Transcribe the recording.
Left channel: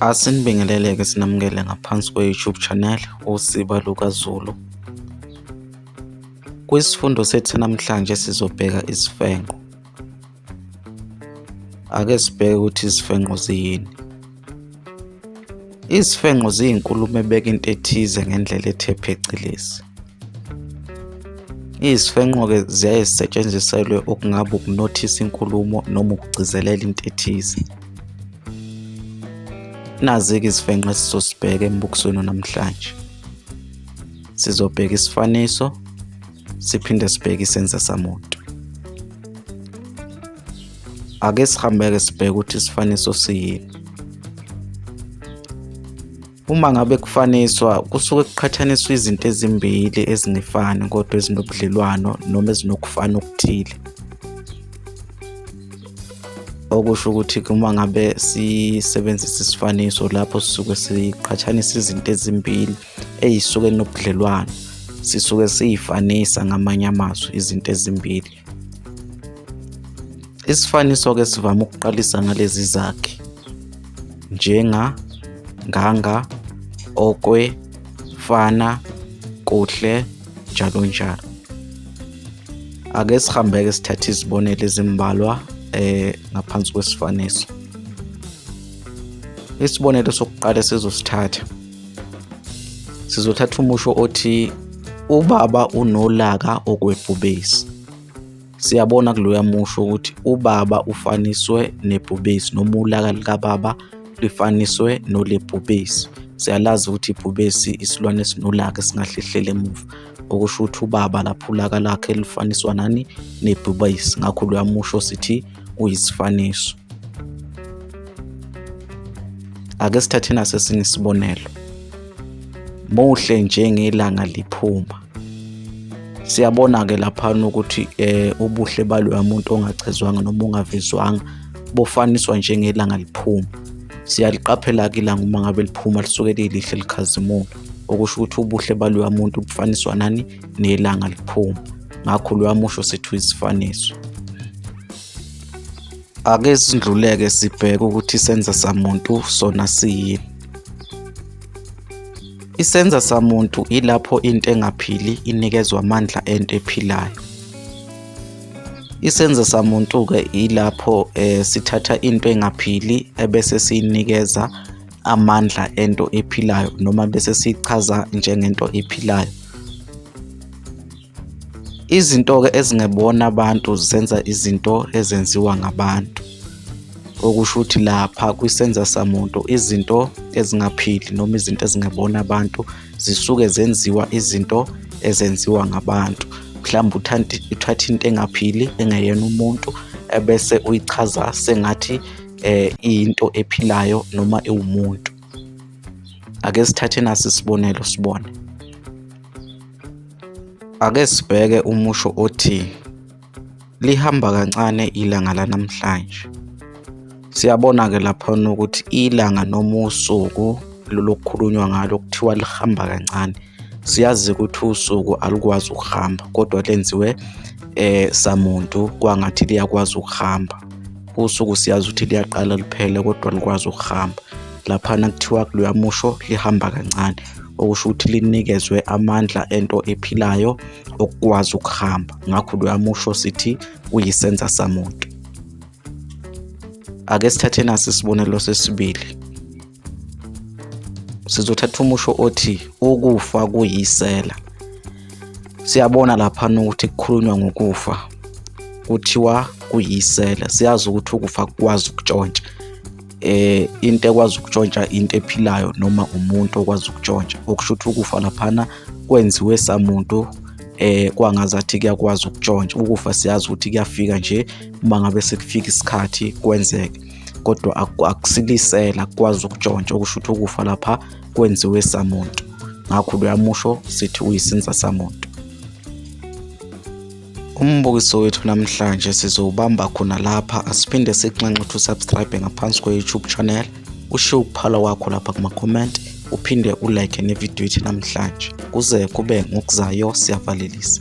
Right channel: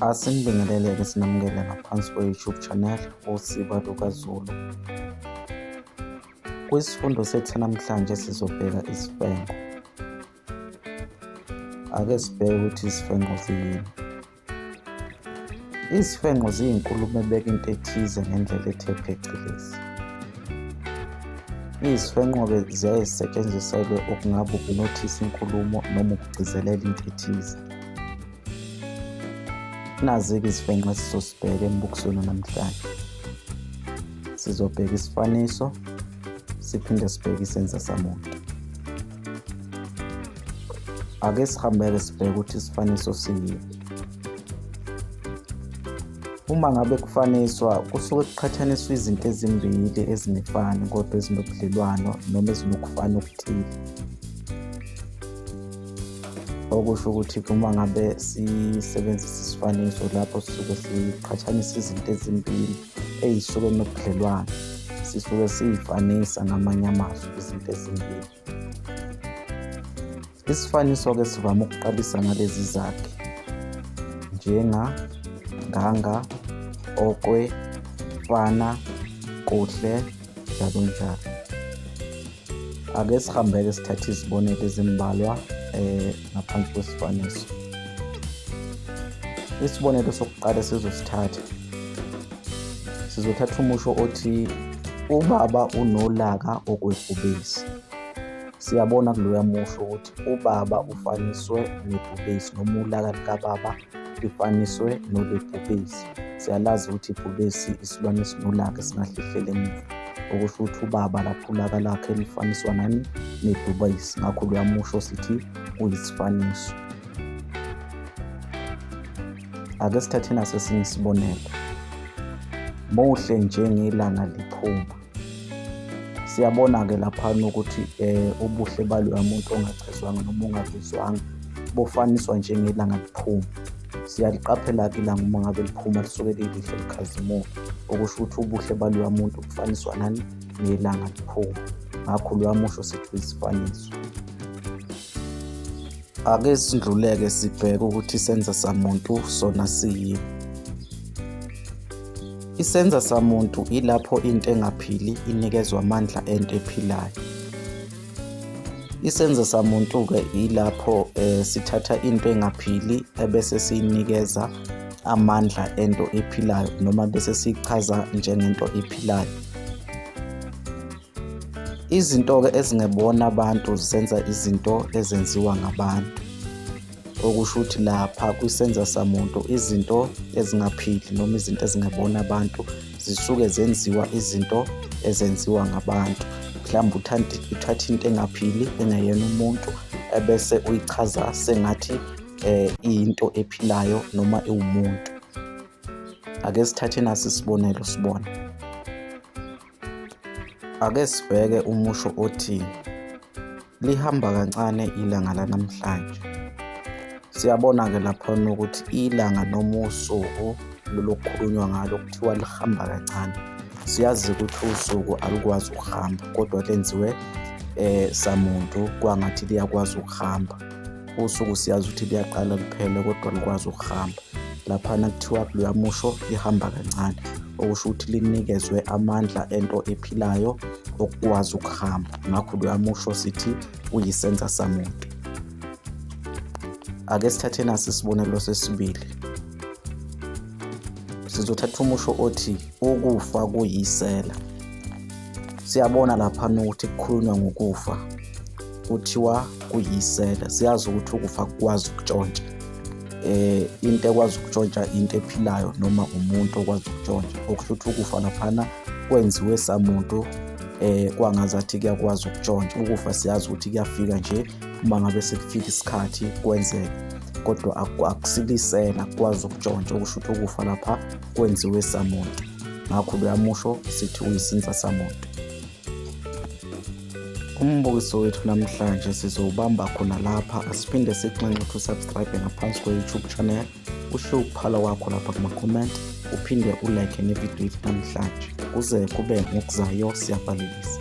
Asinibingelele-ke sinamukele ngaphansi kwe-YouTube channel uSiba lukaZulu. Kwisifundo sethu namhlanje sizobheka isifenqo. Ake sibheke ukuthi izifenqo ziyini. Izifenqo ziyinkulumo ebeka into ethize ngendlela ethe phecelezi. Izifenqo-ke ziyaye zisetshenziselwe okungaba ukunothisa inkulumo noma ukugcizelela into ethize. Nazi-ke izifenqo esizosibheka embukisweni namhlanje. Sizobheka isifaniso, siphinde sibheke isenza samuntu. Ake sihambe-ke sibheke ukuthi isifaniso siyini. Uma ngabe kufaniswa, kusuke kuqhathaniswa izinto ezimbili ezingefani kodwa ezinobudlelwano noma ezinokufana okuthile. Okusho ukuthi uma ngabe sisebenzisa isifaniso lapho sisuke siqhathanisa izinto ezimbili ey'suke nobudlelwano, sisuke siyifanisa ngamanye amazwi izinto ezimbili. Isifaniso-ke sivame ukuqalisa ngalezi zakhi njenga, nganga, okwe, fana, kuhle, njalo njalo. Ake sihambe-ke sithathe izibonelo ezimbalwa ngaphansi kwesifaniso. Isibonelo sokuqala sizosithatha. Sizothatha umusho othi ubaba unolaka okwebhubesi. Siyabona kuloya musho ukuthi ubaba ufaniswe nebhubesi noma ulaka likababa lifaniswe nolebhubesi. Siyalazi ukuthi ibhubesi isilwane esinolaka esingahlehlela emuva. Okusho ukuthi ubaba lapho ulaka lakhe lifaniswa nani? Nebhubesi. Ngakho loya musho sithi uyisifaniso. Ake sithathe nasesinye isibonelo. Muhle njengelanga liphuma. Siyabona-ke laphana ukuthi ubuhle baloya muntu ongachezwanga noma ongavezwanga bofaniswa njengelanga liphuma. Siyaliqaphela-ke ilanga uma ngabe liphuma lisuke lilihle likhazimula. Okusho ukuthi ubuhle baloya muntu bufaniswa nani? Nelanga liphuma. Ngakho loya musho sithi uyisifaniso. Ake sindluleke sibheke ukuthi isenza samuntu sona siyini. Isenza samuntu ilapho into engaphili inikezwa amandla ento ephilayo. Isenza samuntu-ke ilapho sithatha into engaphili ebese siyinikeza amandla ento ephilayo noma bese sichaza njengento ephilayo. Izinto-ke ezingebona abantu zenza izinto ezenziwa ngabantu. Okusho ukuthi lapha kwisenza samuntu izinto ezingaphili noma izinto ezingebona abantu zisuke zenziwa izinto ezenziwa ngabantu. Mhlawumbe uthatha into engaphili engeyena umuntu ebese uyichaza sengathi iyinto ephilayo noma ewumuntu. Ake sithathe nasi isibonelo sibone. Ake sibheke umusho othi lihamba kancane ilanga lanamhlanje. Siyabona-ke lapha ukuthi ilanga noma usuku lokukhulunywa ngalo kuthiwa lihamba kancane. Siyazi ukuthi usuku alikwazi ukuhamba kodwa lenziwe samuntu kwangathi liyakwazi ukuhamba. Usuku siyazi ukuthi liyaqala liphele kodwa alikwazi ukuhamba. Laphana kuthiwa kuloya musho lihamba kancane. Okusho ukuthi linikezwe amandla ento ephilayo okukwazi ukuhamba. Ngakho loya musho sithi uyisenza samuntu. Ake sithathe nasi isibonelo sesibili. Sizothatha umusho othi ukufa kuyisela. Siyabona lapha ukuthi kukhulunywa ngokufa. Kuthiwa kuyisela. Siyazi ukuthi ukufa kukwazi ukutshontsha. Into ekwazi ukutshontsha into ephilayo noma umuntu okwazi ukutshontsha. Okusho ukuthi ukufa laphana kwenziwe samuntu kwangazathi kuyakwazi ukutshontsha. Ukufa siyazi ukuthi kuyafika nje uma ngabe sekufika isikhathi kwenzeke. Kodwa akusilisela kukwazi ukutshontsha. Okusho ukuthi ukufa lapha kwenziwe samuntu. Ngakho loya musho sithi uyisenza samuntu. Umbukiso wethu namhlanje sizowubamba khona lapha. Asiphinde sikunxenxe ukuthi usubscribe ngaphansi kwe-YouTube channel. Ushiye ukuphala kwakho lapha kuma-comment. Uphinde ulike nevidiyo yethu namhlanje. Kuze kube ngokuzayo siyavalelisa.